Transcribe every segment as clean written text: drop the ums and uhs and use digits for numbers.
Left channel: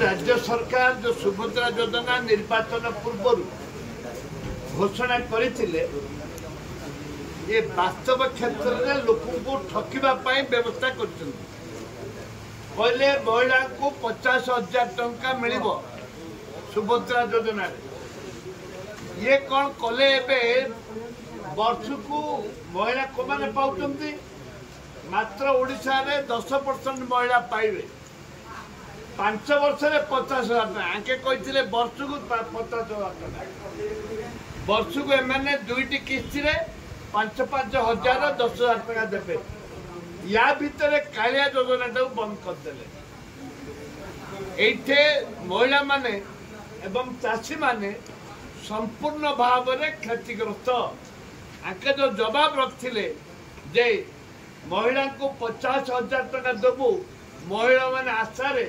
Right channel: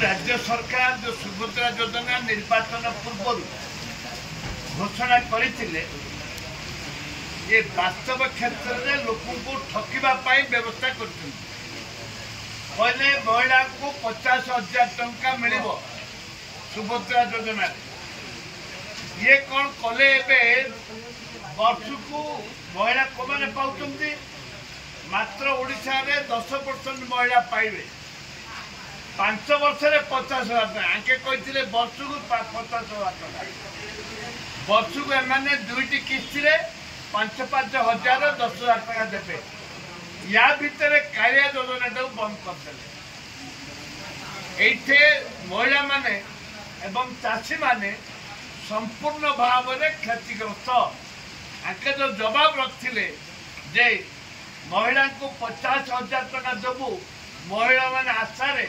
राज्य सरकार जो सुभद्रा योजना निर्वाचन पूर्व घोषणा करते ये वास्तव क्षेत्र में लोक ठकवाई व्यवस्था कर महिला को 50,000 टंका मिल सुभद्रा योजना ये कौन कले वर्ष को महिला को मैंने पाँच मात्र ओडिशा रे 10% महिला पाइबे 5 वर्ष में 50,000 टका आके कहते वर्ष को 50,000 टका वर्ष को एमाने दुईटी किस्ती रे 5,000 10,000 टका देवे या भितर कालिया योजना बंद करदे ये महिला माने एवं चाषी माने संपूर्ण भाव में क्षतिग्रस्त आके जो जवाब रखते जे महिला को 50,000 टका देवु महिला माने आशारे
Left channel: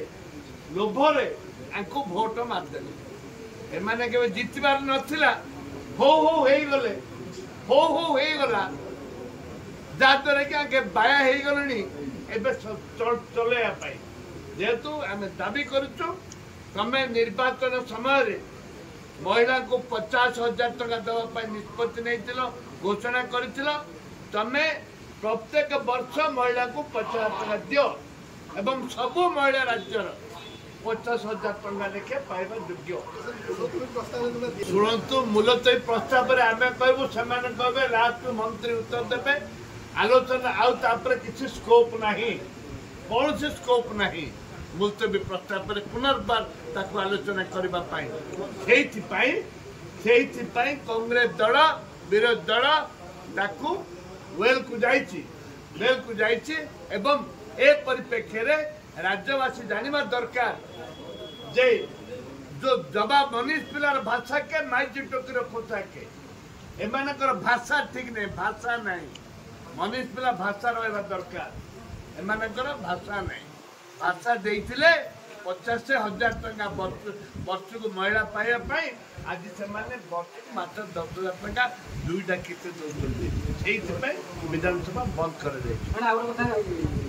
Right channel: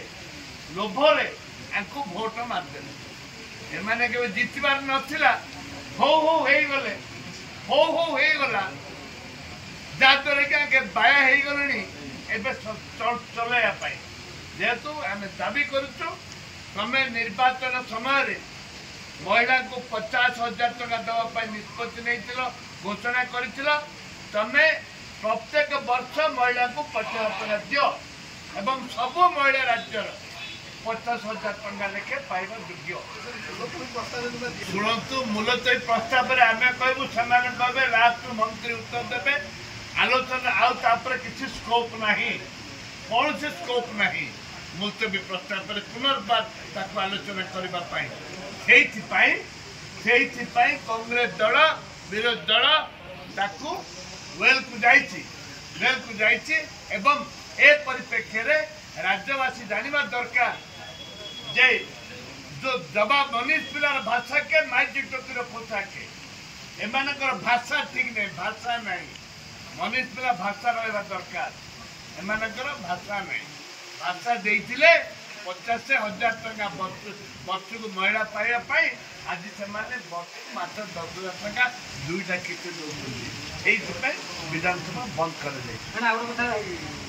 लोभरे आंको भोट मारदे एमाने के जितबार नथिला हो गले हो गला जहाँद्वारा कि आगे बाया हो गलुनी चलैया जेहेतु आम दाबी करुचु तमें निर्वाचन समय महिला को 50,000 टका देवाई निष्पत्ति नहीं घोषणा कर तमें प्रत्येक वर्ष महिला को 50,000 टका दियो एवं सबू महिला राज्यर 50,000 टका लेखे पाइबा योग्य शुणु मूलतः प्रस्ताव आम कहूँ से कहे लास्ट मंत्री उत्तर देवे आलोचना आउे किसी स्कोप नहीं कौन से स्कोप नहीं मुलतवी प्रस्ताव पुनर्बार ताकू आलोचना करने कांग्रेस दल विरोधी दल ताकू वेल को जाइए एवं ए परिप्रेक्षी राज्यवासी जानवा दरकार जे जो जवाब मनीष पिलार भाषा के माइजी टोकीर पोशाके एमानकर भाषा ठीक नहीं भाषा नहीं मनीष पिला भाषा रहा दरकार एमानकर भाषा नहीं भाषा देते 50,000 टका वर्ष को महिला पाइबा आज से वर्ष को मात्र 10,000 टका दुईटा किस्त दौरान विधानसभा बंद कर